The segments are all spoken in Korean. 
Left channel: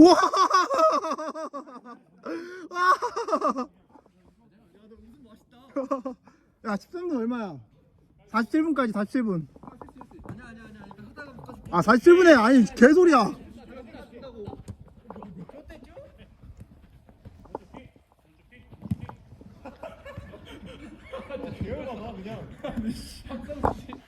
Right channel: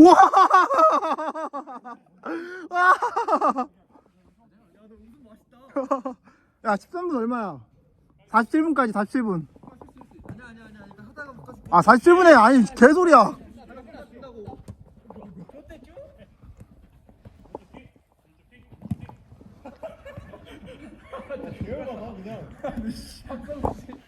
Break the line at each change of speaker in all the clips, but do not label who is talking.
우와! 와! 야, 13분 얼마야? 47분까지 47분.
아니야 아니야 아니야 그러니까 하다가 바꿔줄게
아, 47분에 아니 개소리야.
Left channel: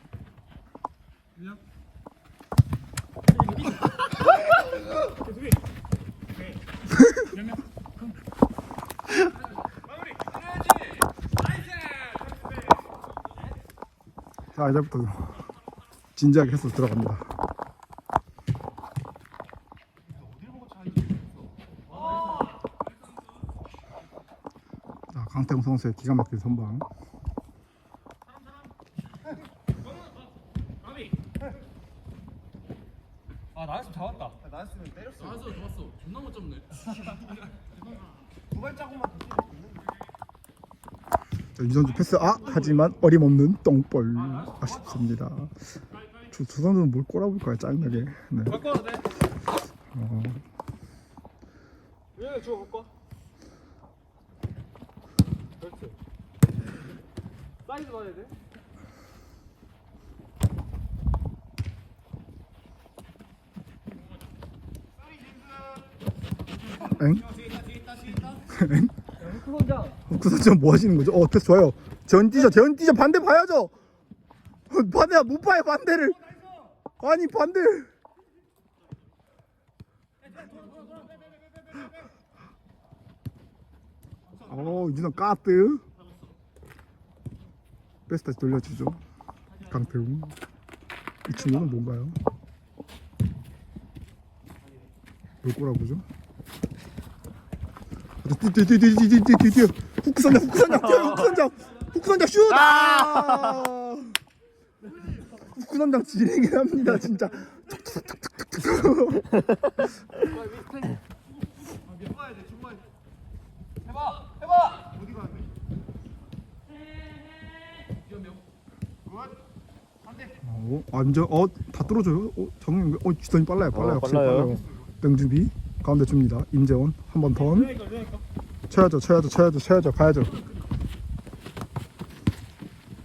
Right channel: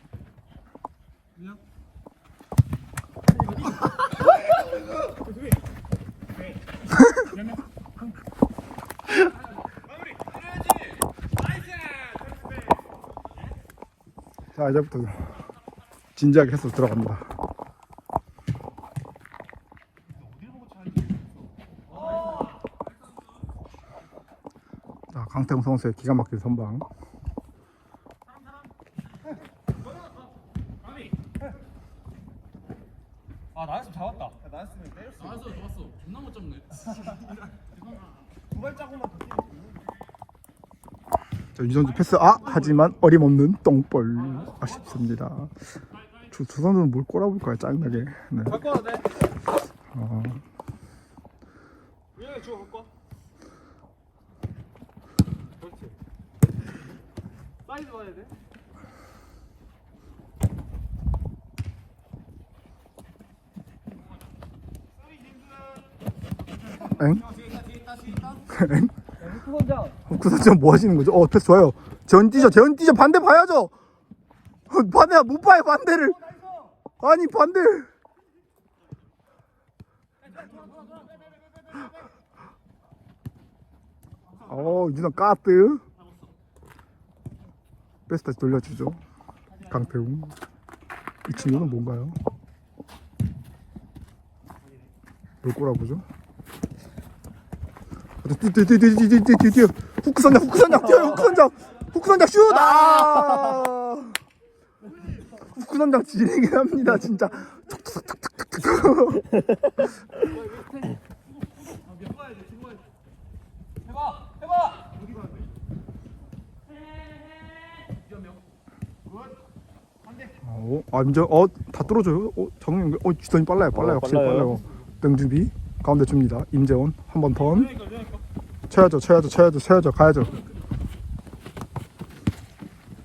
자, 이제부터 진지하게 해서 들어갑니다. 자, 강태웅 선수의 기가 막힌 선방.
아 나였으면 잡았다 나였으면 때렸어 나였어 잡았어 존나 못 잡네
유전주 패스 아 하지만 어림없는 똥볼 아쉽습니다. 두, 두 선수는 뭘 꼬라볼까요 짜증나게. 네.
돼?
어? 엥? 엥?
흑구 선장
그 선수 뭐 하시는 거죠? 어 패스 좋아요. 전 뛰죠, 전 뛰죠. 반대 봐야죠. 어, 반대야 못 봐요 반대를. 아니 반대. 어 유난 까뜨. 패스 다시 돌려주죠. 강태웅. 이 친구는 뭔가요? 뭘 꼬라보죠? 뛰뛰뛰뛰뛰뛰뛰 후크 선장 후크 선장 뛰어요 후크 선장. 후크 선장 슛! 아! 후크 선장 지리긴 합니다 진짜.
위험해요
어, 아 이제 어다 떨어져요? 어 정영 어 주선이 빨라요 빨라요.
어,
확실히
빨라요.
빨라요. 땡준비 가운데 줍니다. 임재원 한 번 턴 쳐야죠 쳐야죠 쳐야죠 쳐야죠 가야죠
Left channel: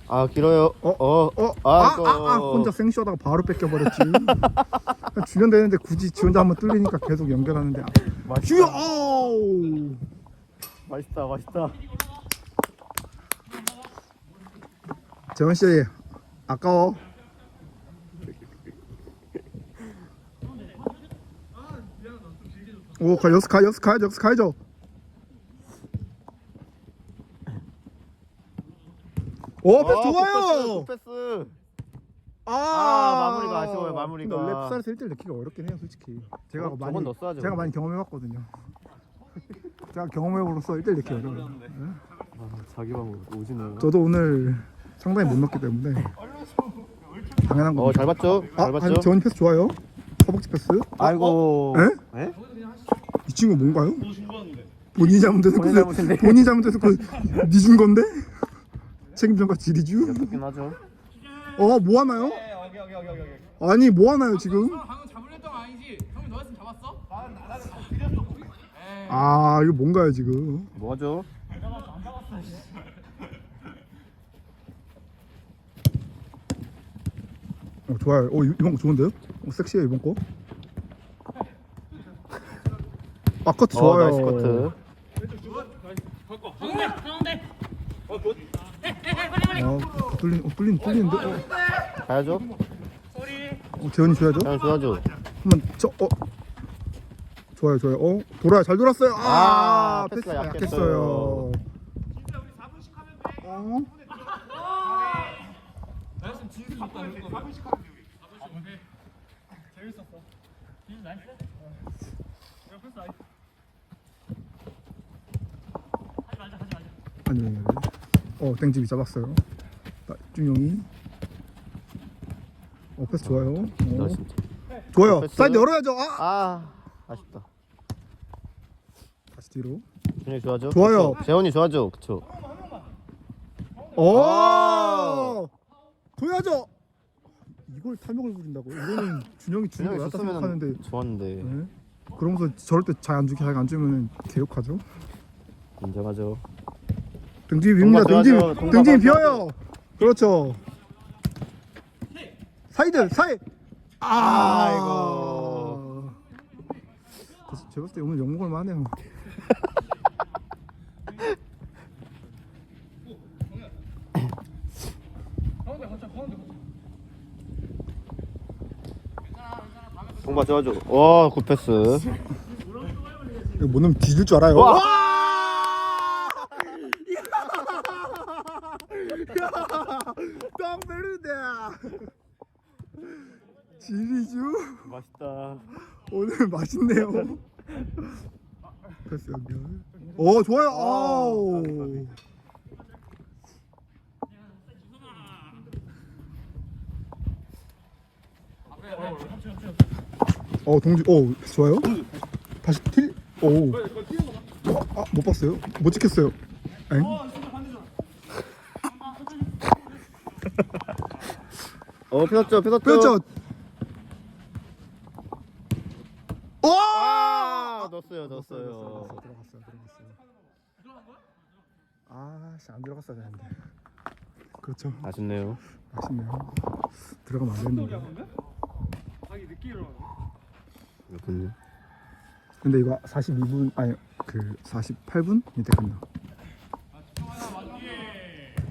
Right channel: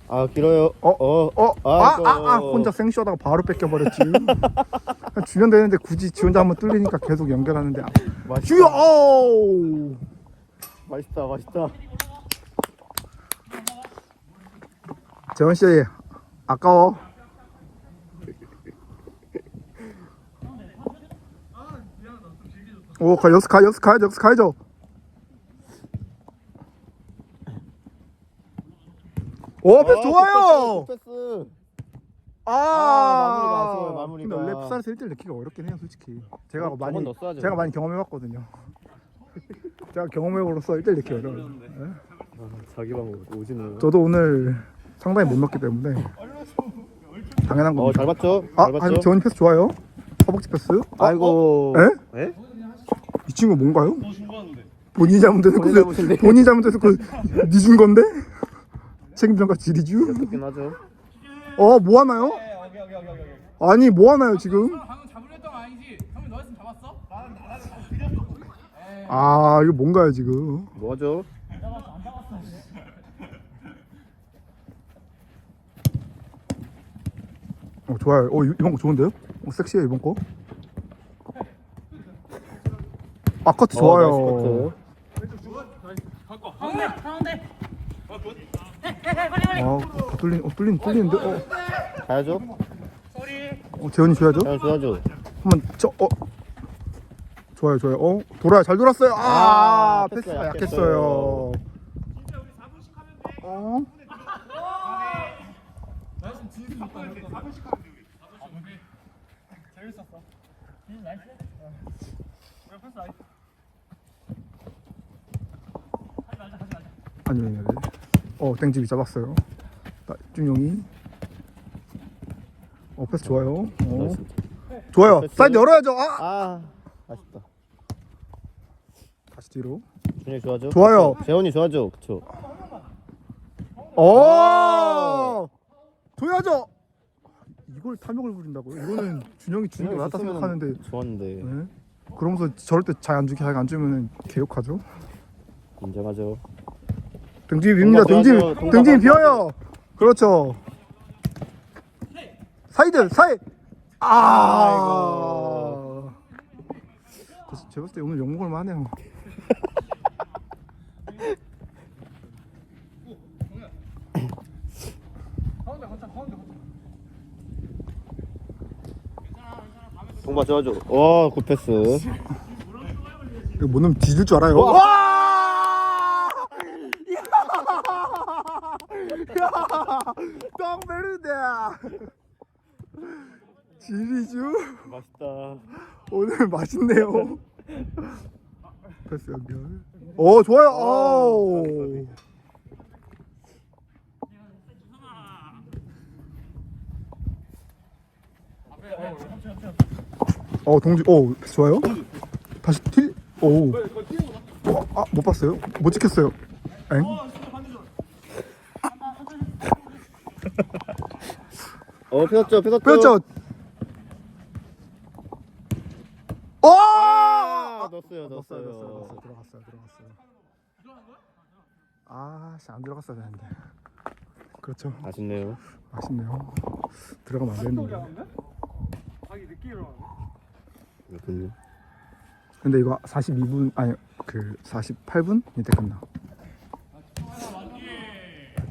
아 길어요.
어?
어.
어? 아,
아이고.
아, 아, 혼자 생쇼하다가 바로 뺏겨버렸지. 주면 되는데 굳이 지 혼자 한번 뚫리니까 계속 연결하는데. 아. 주여! 어우!
맛있다. 맛있다.
재원 씨, 아까워. 오, 가, 여기서 가, 여기서 가야죠, 여기서 가야죠. 오, 패스
어,
좋아요!
굿패스, 굿패스.
아,
아, 마무리가 아쉬워요, 마무리가.
근데 원래 풋살에서 1대1 넣기가 어렵긴 해요, 솔직히. 제가
어,
많이,
저건 넣었어야죠.
제가 많이 경험해봤거든요. 제가 경험해보로써 1대1 넣기 어려워요. 예?
아, 자기 방으로 오지는.
저도 오늘 상당히 못 넣기 때문에 당연한
어,
겁니다.
잘 봤죠?
아,
잘 봤죠?
아니 재원이 패스 좋아요. 허벅지 패스. 아,
아이고.
에?
에?
이 친구 뭔가요?
너 중간인데
본인이 잘못해서 그. 본인이 잘못해서 그 니준 건데 책임전가 지리주.
그렇긴 하죠.
어, 뭐 하나요?
여기
아니, 뭐 하나요 지금?
방금 잡으려 했던 거 아니지? 형이 너였으면 잡았어?
아, 이거 뭔가요 지금?
뭐죠?
어, 좋아요. 어, 이- 이번 거 좋은데요? 어, 섹시해 이번 거. 아, 커트 좋아요.
어, 나이스
가운데 가운데
어, 뚫린, 어, 뚫린, 뚫리는데? 어.
가야죠.
어 재원이 줘야죠.
잘 줘야죠.
한번 저 어. 좋아요, 좋아요. 어, 돌아요. 잘 돌았어요. 아,
아,
패스가
패스가
약했어요. 어?
재밌었어 나이스 왜 패스 나이스
아니, 아니, 아니. 어, 땡집이 잡았어요. 나, 준용이. 어, 패스 좋아요. 어. 좋아요.
패스.
사이드 열어야죠. 아!
아, 아쉽다.
다시 뒤로.
준혁 좋아죠?
좋아요.
그쵸? 재원이 좋아죠? 그쵸?
오! 줘야죠. 이걸 탐욕을 부린다고요? 이거는 준영이 낫다
줬으면
생각하는데.
좋았는데.
네? 그러면서 저럴 때 잘 안 주게 잘안 주면은 개욕하죠.
인정하죠.
등짐이 빕니다. 등짐 등짐이
좋아하죠.
비어요. 그렇죠. 사이드 사이. 아. 그래서 제가 봤을 때 오늘 욕먹을 만해요.
동바 도와줘. 와, 굿패스.
이거 못 넣으면 뒤질 줄 알아요.
와!
와! 야! 똥베르데 지리주
맛있다.
오늘 맛있네요. 패스 연결. 오 좋아요. 아우. 어 동주 오 좋아요. 다시 킬. 오. 아못 봤어요. 못 찍혔어요. 엥?
어, 펴졌죠, 펴졌죠.
그렇죠. 오!
아, 넣었어요,
넣었어요,
넣었어요.
넣었어요. 들어갔어요, 들어갔어요. 아, 씨, 안 들어갔어야 되는데. 그렇죠.
아쉽네요.
아쉽네요. 들어가면 안 되는데.
자기 늦게 일어나네.
그렇군요.
근데 이거 42분 아니 그 48분 이때 끝나.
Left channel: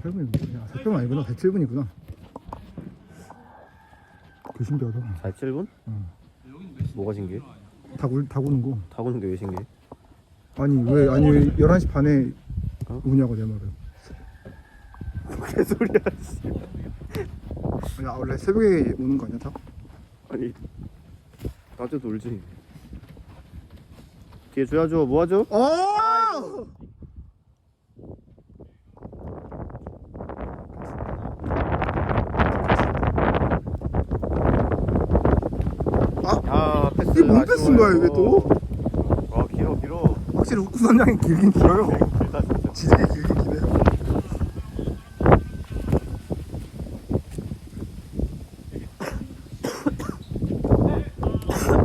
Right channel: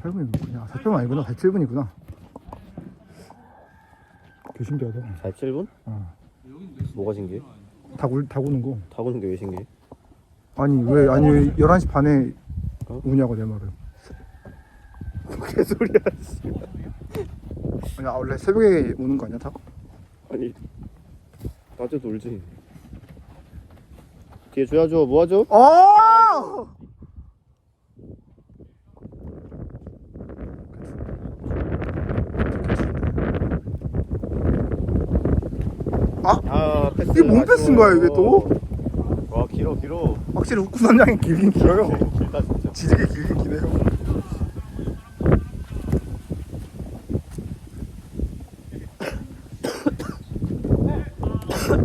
48분이구나. 48분 아니구나. 47분이구나. 그 신기하다.
47분?
어.
뭐가 신기해?
다, 굴, 다 구는 거.
타고는 게 왜 신기해?
아니 왜 아니 11시 반에
어?
우냐고 내 말은.
개소리야.
아니 아, 원래 새벽에 오는 거 아니야 다?
아니, 낮에 놀지. 뒤에 줘야죠, 뭐 하죠?
아!
아, 패스.
이게 뭔 패스인가요, 이게 또?
와, 길어, 길어.
확실히 훅구 선장이 길긴 길어요. 지르게 길긴 기네요.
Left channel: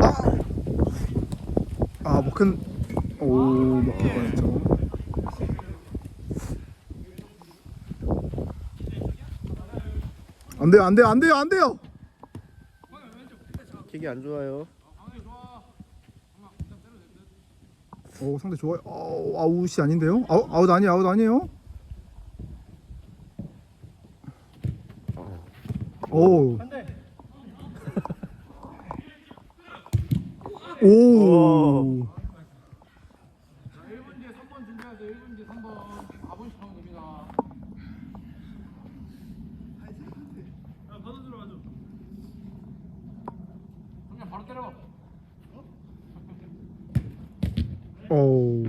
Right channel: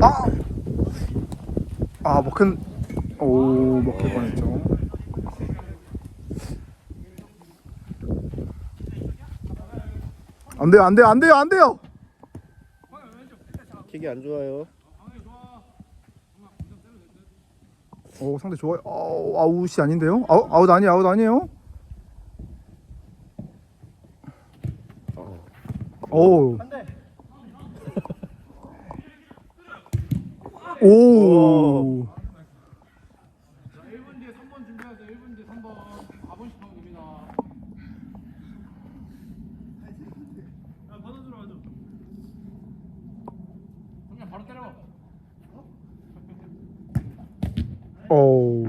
아! 아, 먹힌, 오, 먹힐 뻔했죠. 안 돼요, 안 돼요, 안 돼요, 안 돼요!
킥이 안 좋아요.
오, 상대 좋아요. 아우, 아웃이 아닌데요? 아웃, 아웃 아니, 아웃 아니에요?
어.
오. 오. 오.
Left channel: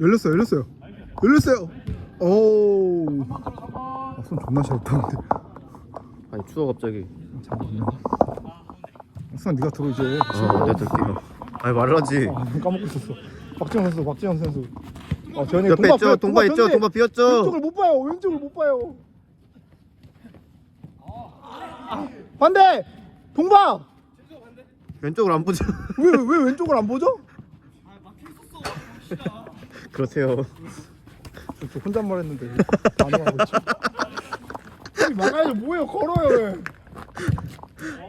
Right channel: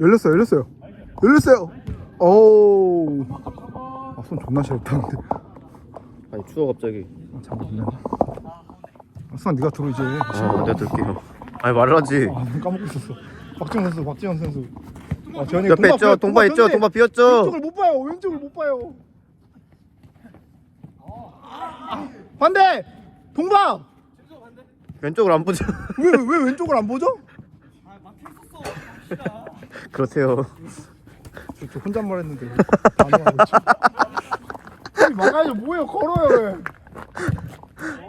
열렸어요, 열렸어요. 열렸어요. 오. 아, 손 존나 시렵다, 근데.
아니, 추워, 갑자기.
아, 잘 못네. 수아, 네가 주고 이제.
아, 내가 들게요. 아니, 말을 하지.
까먹고 있었어. 박지원 선수, 박지원 선수. 아, 쟤네
옆에 있죠? 동바 있죠? 동바 비었죠?
왼쪽을 못 봐요. 왼쪽을 못 봐요. 반대. 동바.
왼쪽으로 안 보죠?
왜 왜 왼쪽을 안 보죠?
아, 막혀 있었어.
그렇대요.
저, 저 혼잣말 했는데. 아니, 막아야죠. 뭐예요? 걸어요. 왜?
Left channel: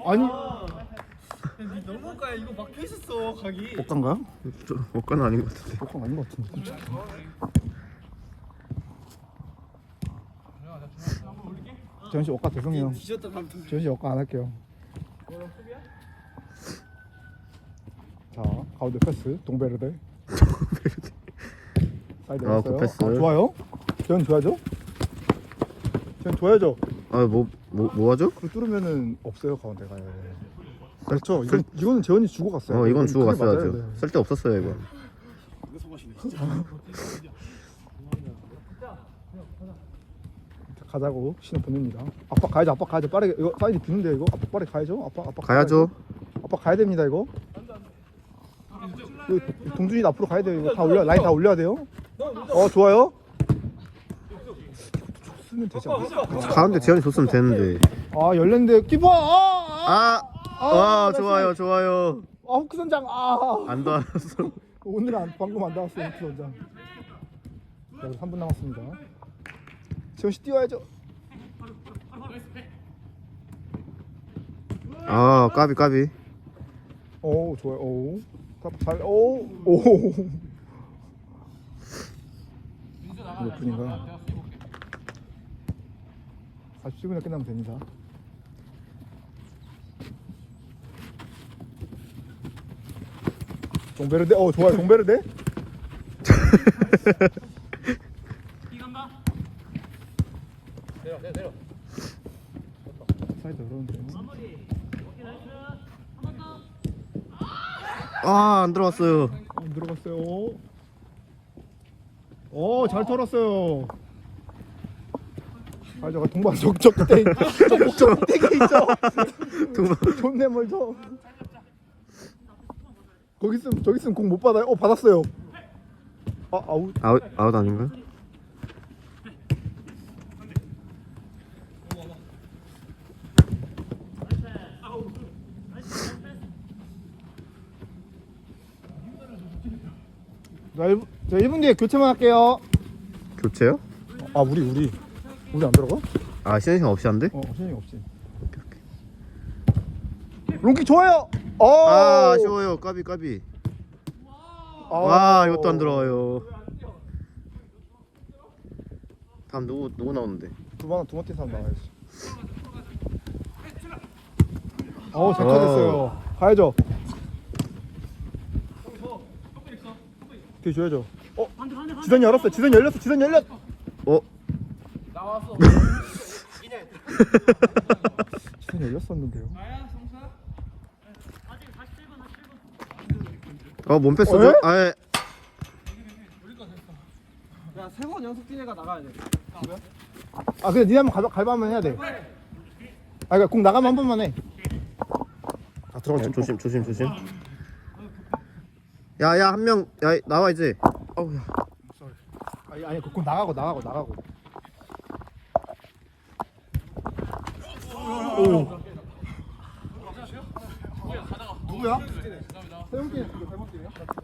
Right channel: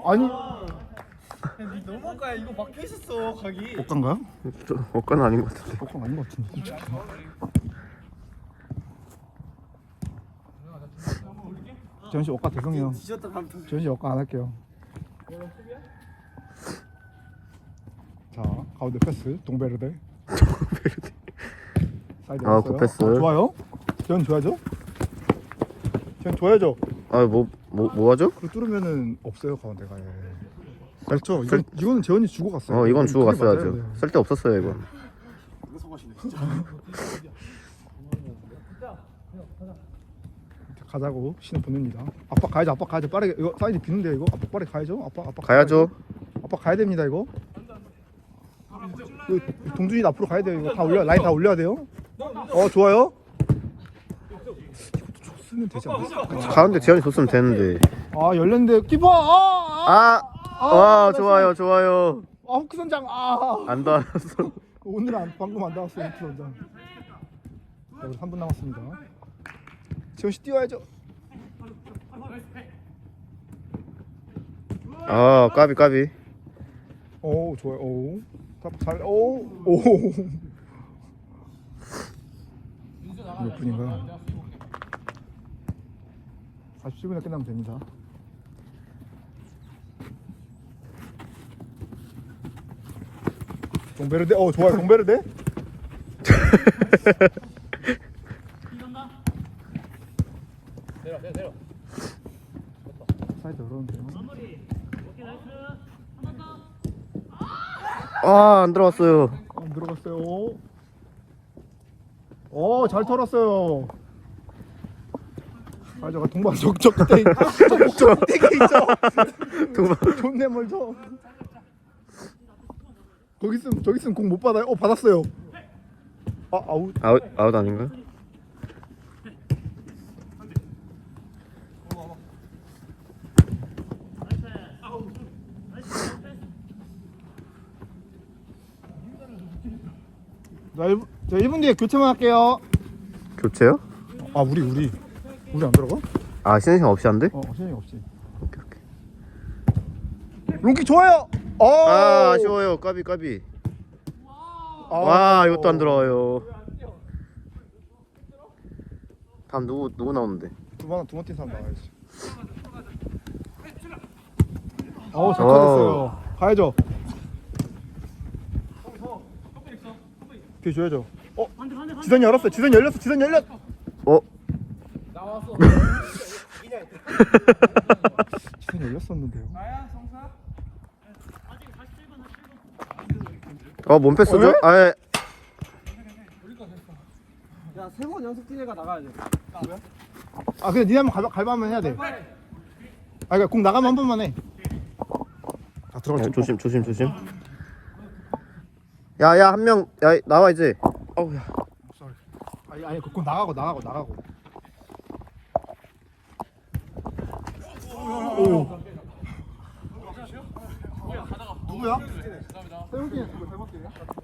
아니.
야, 니 너무 가야 이거 막혀 있었어 각이.
어떤가요?
좀 억까는 아닌 것 같은데.
어떤 아닌 것 같은데. 씨 억까 죄송해요.
뒤졌다
씨 억까 안 할게요. 자, 가운데 패스 동베르데. 사이드
아,
왔어요.
그 패스.
좋아요. 재현 줘야죠. 재현 줘야죠.
아, 뭐, 뭐, 뭐 하죠?
이거 뚫으면은 없어요 가운데가.
쌀,
그렇죠.
쌀,
이건, 이건 재현이 주고 갔어요.
어, 이건 주고 갔어야죠. 쓸데 없었어요, 이건.
가자고 신호 보냅니다. 아빠 가야죠. 아빠 가야죠. 빠르게 이거 사이드 비는데 이거 아빠 빠르게 가야죠. 아빠 아빠
가야죠.
아빠 가야 됩니다 이거. 이거 동준이 앞으로 가야 돼요. 이거 다 올려 라인 다 올려야 돼요. 어 좋아요. 슈면 되지 않아?
가운데 재현이 줬으면 되는데.
아 열렸는데 키퍼 아! 아!
아, 와 좋아요 좋아요.
아 후크 선장 아!
안 닿았어.
오늘 안, 방금 안 나왔어요 후크 선장 자 우리 3분 남았습니다 씨 뛰어야죠
아 까비 까비.
오 좋아요 오 잘, 오, 오. 몇 분인가? 47분에 끝나면 됩니다. 동베르데, 어 좋아요, 동베르데.
내려 내려 내려
사이드 어려운데.
아 안 들어갔어요.
안 들어갔어요. 어, 잘 털었어요. 아, 저 동방 적적 끝에 적적 끝에 있죠.
동방.
존내 멀죠. 거기 있으면 저기 있으면 공 못 받아요. 어 받았어요. 아 아웃.
아웃 아웃 아닌가?
자 1분, 자 1분 뒤에 교체만 할게요.
교체요?
아 우리 우리 우리 안 들어가?
아 쉬는 시간 없이 한대?
어 시간이 없지.
오케이 오케이.
롱키 좋아요. 어.
아 아쉬워요 까비 까비.
아우.
와 이것도 안 들어와요. 다음 누구 누구 나오는데?
두번 두번 뛰서 한번 가야지. 어우 잘
어.
터졌어요. 가야죠. 뒤 줘야죠. 어? 지선 열었어. 지선 열렸어. 지선 열렸.
어?
나왔어
지선 열렸었는데.
나야 성사
어 몸패스죠?
에?
아 예.
야세 번 연속 뛰내가 나가야
돼아 그래 니 한번 갈 갈바면 해야 돼. 아 그러니까 공 나가면 한 번만 해. 아
어,
들어갔죠.
조심 조심 조심. 야야 한 명 야 나와 이제. 어우야.
아니 아니 그공 나가고 나가고 나가고. 오. 누구야? 세훈이 닮았대요.